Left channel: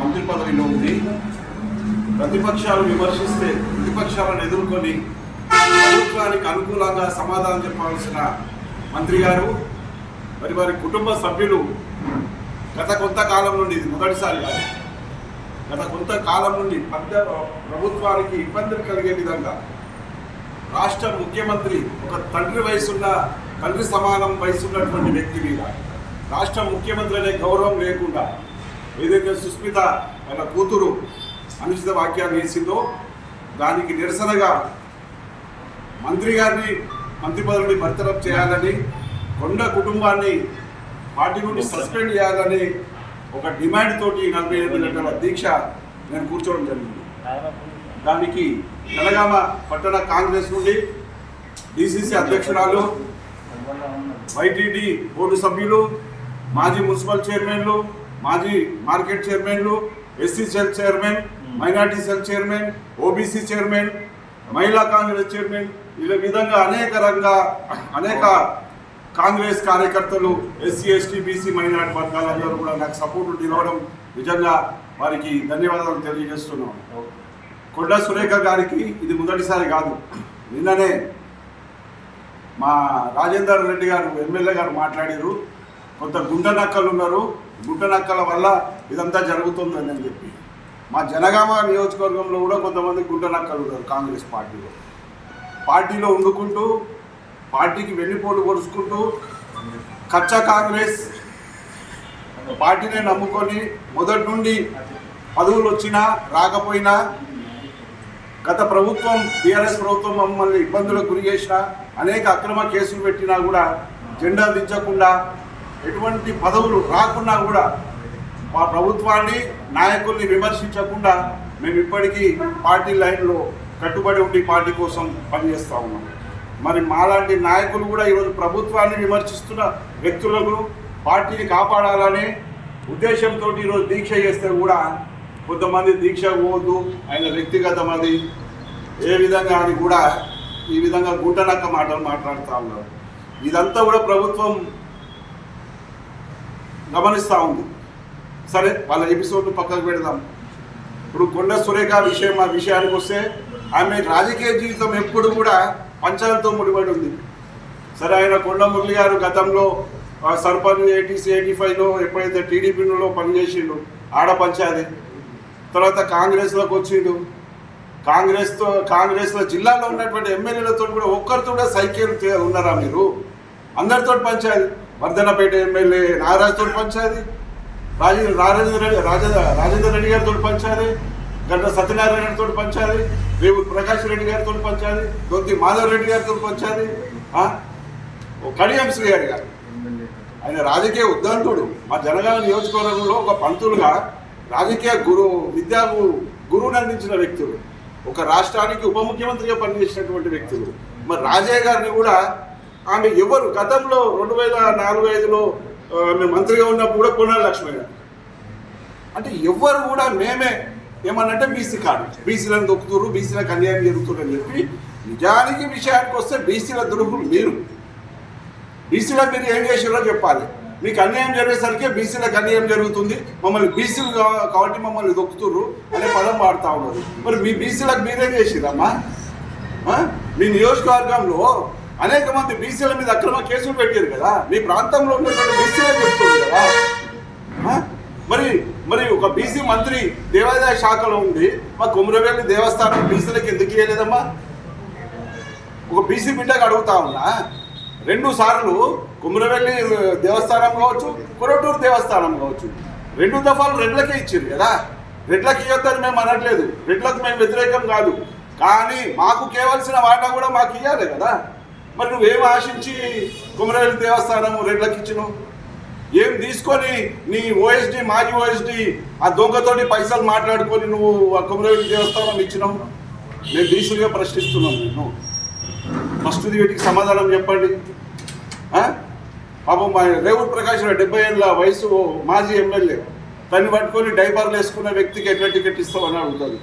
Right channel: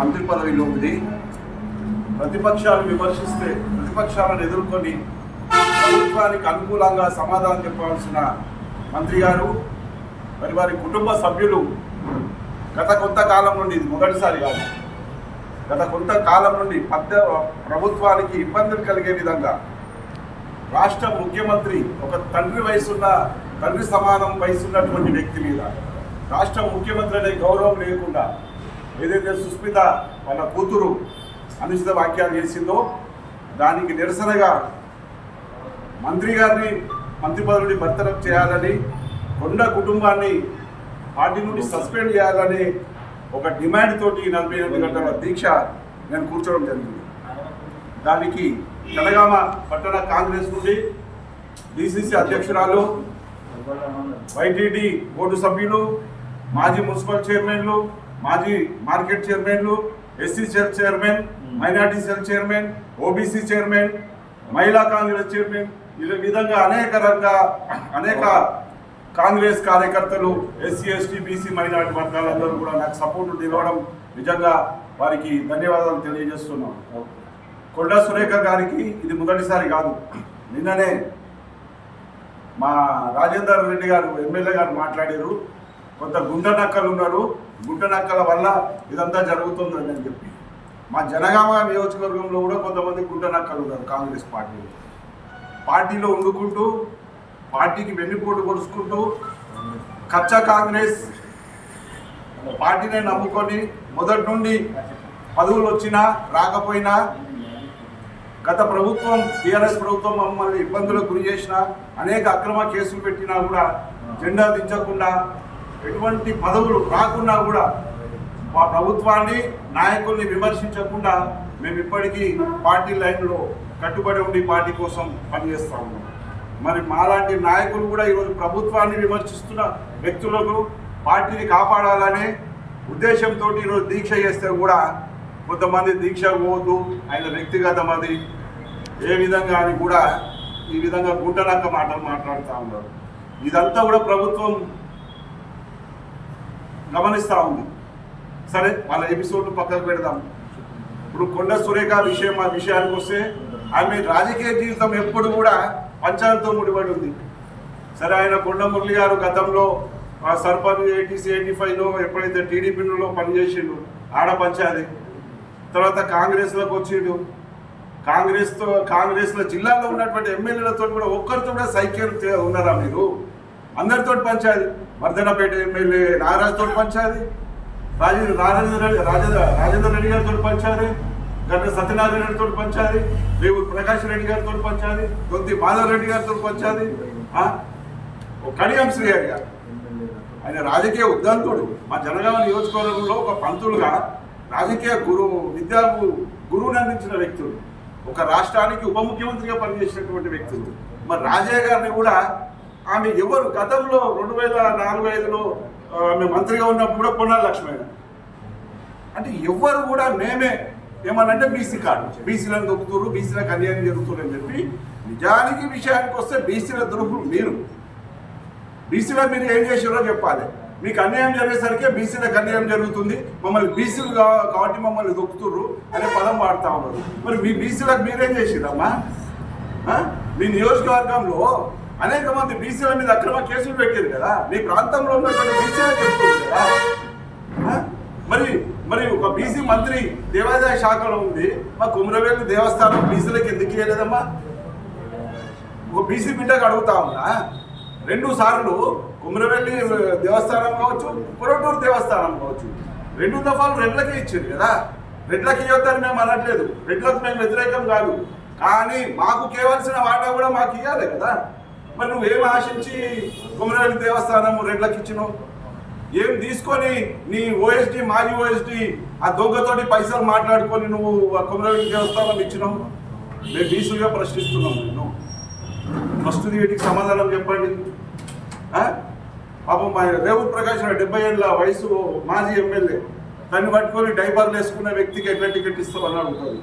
మంత్రి పదవిలో ఉంది. ప్రతిపక్షాలు విమర్శిస్తే ప్రతిపక్షాలను ఎదుర్కొని ప్రభుత్వానికి అనుకూలంగా సమాధానం చెప్పవలసిన మంత్రి గారు మరి వారి కుటుంబ సభ్యులు గత కొంతకాలం నుండి, ఇది మొదటిసారి కాదు, గత కొంతకాలం నుండి ప్రభుత్వానికి ఇబ్బందులు కలిగే విధంగా రాష్ట్ర ముఖ్యమంత్రి ఒక తండ్రి సమానం వయసున్నటువంటి వ్యక్తి మీద రాష్ట్ర ముఖ్యమంత్రి అనే గౌరవం లేకుండా ఏదైతే సుస్మిత వాళ్ళ కూతురు అనుచిత వ్యాఖ్యలు చేసిందో దానికి నిరసనగా మంత్రి గారిని మంత్రి పదవి నుండి బర్తరఫ్ చేయాలని, కొండ కుటుంబాన్ని పార్టీ నుండి సస్పెండ్ చేయాలని ఒక డిమాండ్ తోటి 48 గంటల దీక్ష నేను కూర్చోవడం జరిగింది. దానికి జనగామ పట్టణ కాంగ్రెస్ నుండి డిసిసి అధ్యక్షురాలు, వైటీడీ బోర్డు సభ్యులు, మాజీ మున్సిపల్ చైర్మన్లు, మాజీ మార్కెట్ చైర్మన్లు, SC cell chairman, minority cell chairman, OBC chairman, మహిళా కాంగ్రెస్ చైర్మన్, ఇలా విధంగా అనేక కాంగ్రెస్ కార్యకర్తలు, ఎస్సీ ఎస్టీ బీసీ మైనార్టీ వర్గాలందరూ కూడా నాకు సపోర్టు నిలవడం నిజంగా వారికి ధన్యవాదాలు తెలియజేస్తున్నాను. కొండ సురేఖ గారికి ఇది మొదటిసారి కాదు. నిన్ననే మా రాజేందర్ రెడ్డి గారు ఎమ్మెల్యే గారు మాట్లాడారు, కొంత గుంట నక్కలు ఉన్నారు, గుంట నక్కల వల్ల ఇదంతా జరుగుతుందని అని చెప్పి. మా జనగామ నియోజకవర్గంలో కూడా కొంతమంది గుంట నక్కలు ఉన్నారు కాంగ్రెస్ పార్టీలో వండుకుంటూ, పార్టీకి వెన్నుపోటు పొడుచుకుంటూ, కచ్చా కాంగ్రెస్ పార్టీనే నమ్ముకొని మొదటి నుండి పదవులు వచ్చినా రాకపోయినా, గత ప్రభుత్వం టీఆర్ఎస్ ప్రభుత్వం మమ్మల్ని ఇబ్బందులకు గురి చేసినా, అనేక అక్రమ కేసులు పెట్టినా కూడా జెండా దించకుండా, ఎటువంటి పదవులు రాకున్నా కూడా మా ప్రభుత్వాన్ని నాయకుల్ని విమర్శించకుండా మేము ఇప్పటికీ పార్టీ లైన్లో కట్టుబడి ఉండి పార్టీ కోసం పనిచేస్తూ ఉన్నాం. మరి మాలాంటి నాయకులు కూడా ఈరోజు ప్రభుత్వాన్ని విమర్శిస్తున్న వ్యక్తులకు పార్టీని కాపాడాలనే ఉద్దేశంతో ఈరోజు దీక్ష చేస్తే కూడా కొంతమంది దీక్ష పోదు, ఆయన వ్యక్తిగతమది ఏ విధంగా అని కూడా ఈ విధంగా గుంటనక్క మాటలు మాట్లాడుతూ ఉన్నారు. ఇదంతా కూడా ప్రభుత్వం గమనిస్తూ ఉంది. సరే, వాళ్ళ ఎపిసోడ్ను పక్కకు పెడదాం. ఇప్పుడు కొండ సురేఖ విషయానికి వస్తే ఆమె రాజకీయ జీవితం ఎప్పుడు కూడా పంచాలతో ముడిపడి ఉంది. సరే, ఆయన కొండ మురళి గారు గతంలో సర్పంచ్ 85లో ఎప్పుడైతే టీడీపీలో పనిచేసిండు ఆడ పంచాది, తర్వాత కాంగ్రెస్లోకి వచ్చిండు. కాంగ్రెస్లో జిల్లాలో ఉన్నటువంటి ఎమ్మెల్యేలతో కూడా ఒక్కరితో కూడా సైక్యం ఉన్నారా మీరు? అందరితో పంచాది. వర్ధనపేట ఎమ్మెల్యే నాగరాజుతో పంచాది, రాజేందర్ రెడ్డి గారితో పంచాది, గంట సత్యనారాయణ రెడ్డితో పంచాది, రేవు ప్రకాష్ రెడ్డి గారితో పంచాది, దొంతి మాధవ్ రెడ్డి గారితో పంచాది, కడియం శ్రీ గారు ఆయన రాజకీయ ఉద్దంతుడు. మా జనగామ నియోజకవర్గంలో ఒక పంతులుగా రాజకీయ విద్యా గురువుని అందించిన వ్యక్తులు, ఒక రాష్ట్రానికి ఉప ముఖ్యమంత్రిగా పనిచేసినటువంటి వ్యక్తులు. మరి రాజయ్య గారిని కూడా ఆమె ఎవరు గతంలో 2004-05లో ఆమె మంత్రిగా ఉన్నప్పుడు కూడా పొన్నాల లక్ష్మయ్య అంటే ఎవరు కూడా మేమే ఏమన్నంటే బీసీ కార్డు, బీసీలను దొక్కుతురు, బీసీలకు అన్యాయం జరుగుతున్నారు అని చెప్పి. నిజానికి విషయానికి వస్తే బీసీల ద్రోహులు మీరు. బీసీలకు మీరు ఏం చేసారో చెప్పాలి. మీకు అన్యాయం జరిగేసరికి బీసీలకు అన్యాయం జరుగుతుంది, మమ్మల్ని బీసీలు కాబట్టి మమ్మల్ని దొక్కుతుర్రు అనే పదం వాడుతూ ఉన్నారు. మరి మీ బీసీలకు మీరేం చేసిరమ్మా? మీ నియోజకవర్గంలో అనేక మంది బీసీల మీద అక్రమ కేసులు పెట్టారు కదా, మీ ప్రాంతంలో ఉన్నటువంటి బీసీలే చెప్తుంది కదా. మరి ఒక బీసీ మంత్రి దేవాదాయ శాఖలో ఉంది, మా కుమ్రవేలి దేవస్థానం బీసీలకు ఎందుకు ఇవ్వలేదమ్మా? ఒక బీసీ బిడ్డకు అడుగుతా ఉన్నా, 2 సార్లు కుమ్రవెల్లి దేవస్థానం కావచ్చు, కొరటూరు దేవస్థానం కావచ్చు, 2 దఫాలు రెడ్లకే ఇచ్చారు కదా. రెడ్లకి ఇవ్వద్దని మేము అనట్లేదు, రెడ్లకు మేము వ్యతిరేకం కాదు, కానీ మాకు కేవలసిన వాటా కూడా మాకు ఇవ్వాలి కదా. మరి నువ్వేం ఆశించి కుమ్రవెల్లి దేవస్థానం రెడ్లకి ఇచ్చినావు? ఏం తీసుకొని నీ ఓఎస్డి మాజీ ఓఎస్డి ఆ దొంగతోటి పైసలు మాట్లాడుకొని నువ్వు ఆ కుమ్రవెల్లి దేవస్థానం ఇచ్చినావు? మేము బీసీగా ప్రశ్నిస్తున్నాం. నేను ఫస్ట్ వీటికి సమాధానం చెప్పండి. పాపం మా రేవు ప్రకాష్ 70 ఏళ్ళ వయసు మాజీ ఎమ్మెల్యే, దాన్ని పట్టుకొని డైపర్లు వేసుకున్న వ్యక్తికి ఎట్లా టికెట్ ఇస్తామని అడుగుతుంది.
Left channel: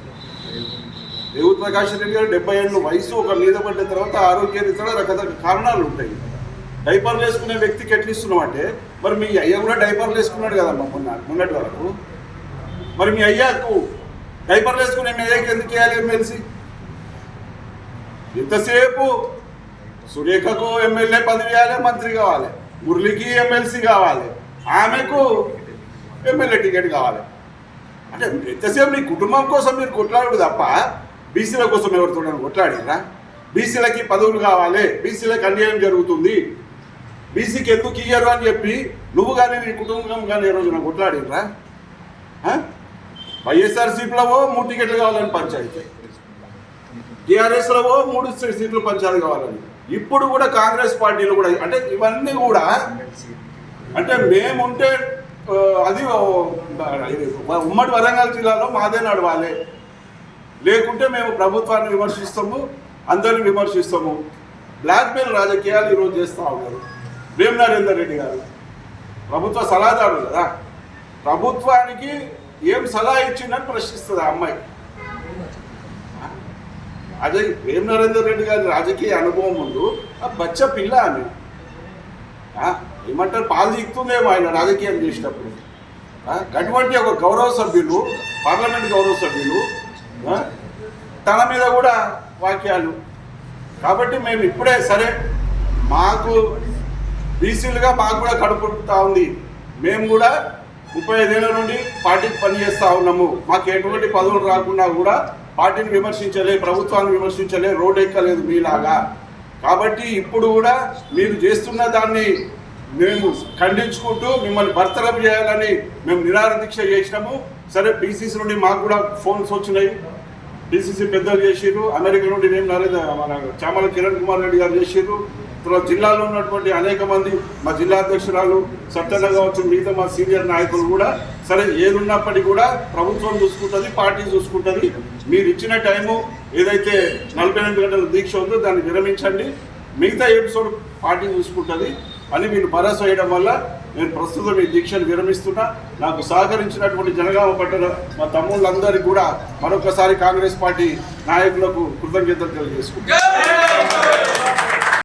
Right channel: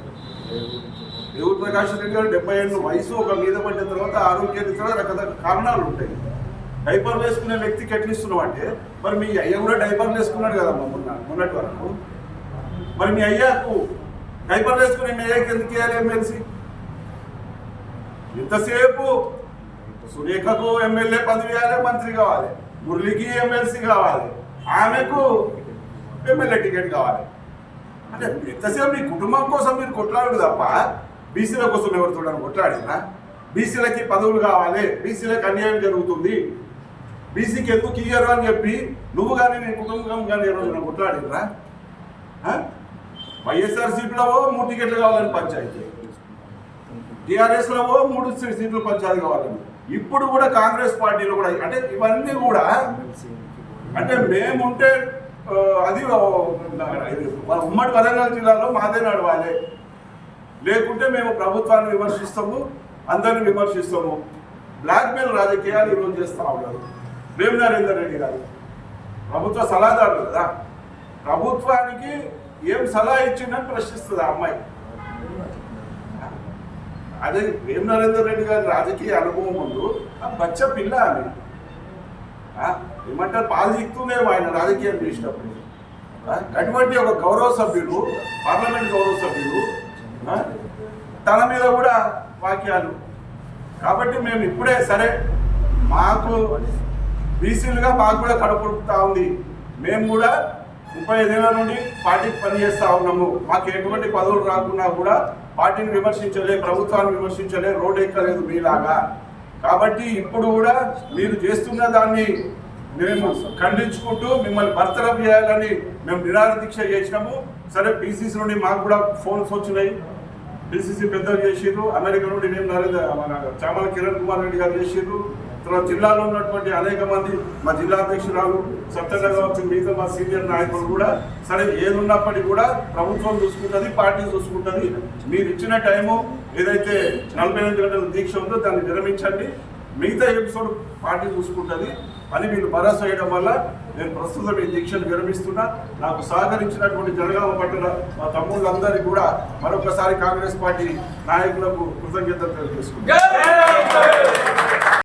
రేవు ప్రకాష్ రెడ్డి గారు 70 ఏళ్ళ వయసు, ఒక మీద పడిన తర్వాత ఆరోగ్యరీత్యా రకరకాల కారణాలు ఉంటాయి. డైపర్లు వేసుకునే వ్యక్తికి ఎట్లా ఇస్తున్నాం అంటే, మరి మీ అయ్య కూడా డైపర్లు వేసుకున్నాడు కదమ్మా మొన్నటి వరకు. మరి మీ అయ్యాకు డైపర్లు వేసుకుని మీ అయ్యాకి ఎందుకు వేయాలి ఎమ్మెల్సీ? ఇంతసేపు సురేఖకు ఎమ్మెల్యే పదవి ఇవ్వాలి, మంత్రి కావాలి, మురళికి ఎమ్మెల్సీ కావాలి, ఆమెకు ఎమ్మెల్యే టికెట్ కావాలి. అంటే ఎంతసేపు మీ కుటుంబం కోసం మీరు కొట్లాడు తప్ప బీసీల కోసం ఎవరితో కొట్లాడిరా? బీసీలకి పదవులు కావాలి, బీసీలకు అన్యాయం జరుగుతుంది, బీసీకి ఎందుకు ఇయ్యరు అని చెప్పి నువ్వు కానీ నీ కుటుంబం కానీ ఏ రోజున కొట్లాడిరా? వైఎస్ఆర్సీపీలో 3 టికెట్లు కావాలని పంచాయతీ, టీఆర్ఎస్లో 3 సీట్లు పంచాయతీ కావాలని, ఇప్పుడు కూడా కాంగ్రెస్ పార్టీలో కూడా. అంటే ఇవన్నీ కూడా అంటే మేముంటే అది ఉమ్మడి వరంగల్ జిల్లాలో మాదే నడవాలి, లేకుంటే మేము ప్రభుత్వాన్ని విమర్శిస్తాము, అందరిని విమర్శిస్తాము. బ్లాక్మెయిల్ రాజకీయాలు ఈరోజు చేస్తూ ఉన్నారు. వేం నరేందర్ రెడ్డి గారు ప్రభుత్వ సలహాదారు కదా, ప్రభుత్వానికి ఏం సలహా ఇచ్చిందని ప్రశ్నిస్తుంది ఆ అమ్మాయి. అదే వేం నరేందర్ రెడ్డి గారి రాజకీయ అనుభవం ముందు ఆ బచ్చ పిల్ల అని ఏమంటారు, పాలు చిక్తుందేమో ఆయన రాజకీయం చేసినప్పుడు. అటువంటి ఒక గౌరవ సభ్యులు, పార్లమెంట్ గౌరవ సభ్యులు తన మీద కూడా వాక్యాలు. కాబట్టి మేము ఇప్పుడే సరే, మాకు బీసీలుగా మాకు కూడా కడుపుతా ఉంది, మేము కూడా 35 ఏళ్ల నుండి పార్టీకి పనిచేస్తూ ఉన్నాము, మాకు ఎటువంటి పదవులు రాకుండా కూడా పార్టీని విమర్శించలే, ప్రభుత్వాన్ని విమర్శించలే, రోడ్ ఎక్కలేదు మీలాగా. కాబట్టి ఇప్పుడు కూడా మీరు చేస్తున్న దాన్ని మేము ఖండించుకుంటూ మిమ్మల్ని బర్తరఫ్ చేయాలని మేము నిరాహార దీక్ష చేసినాము. సరే, పీసీసీ నుండి మాకు కూడా ఫోన్స్ వచ్చినాయి, పీసీసీ పెద్దలు చేసిర్రు, అమెరికా నుండి మేము మన చామల కిరణ్ కుమార్ రెడ్డి గారు చేసిర్రు, తర్వాత జిల్లాలో ఉన్నటువంటి అనేక మంది, మా జిల్లా అధ్యక్షురాలు సత్యన్న కావచ్చు, మిగతా మా సీనియర్ నాయకులు కూడా సరే ఏదున్నప్పటికీ కూడా ప్రభుత్వం చూసుకుంటుంది, పార్టీ చూసుకుంటుంది. మీరు ఇచ్చిన టైము ఏదైతే 48 గంటల దీక్ష ఉందో దాన్ని విరమించండి, మిగతా ఎపిసోడ్ పార్టీ చూసుకుంటుంది అని వీళ్ళు భరోసా వేయడం వల్ల నేను ప్రస్తుతం ఈ దీక్షను విరమిస్తున్నా. నాకు సహకరించినటువంటి జనగామ పట్టణ మా తమ్ముళ్ళందరికీ కూడా మరొకసారి కాంగ్రెస్ పార్టీ నాయకులకు కృతజ్ఞతలు తెలియజేసుకుంటున్నాను.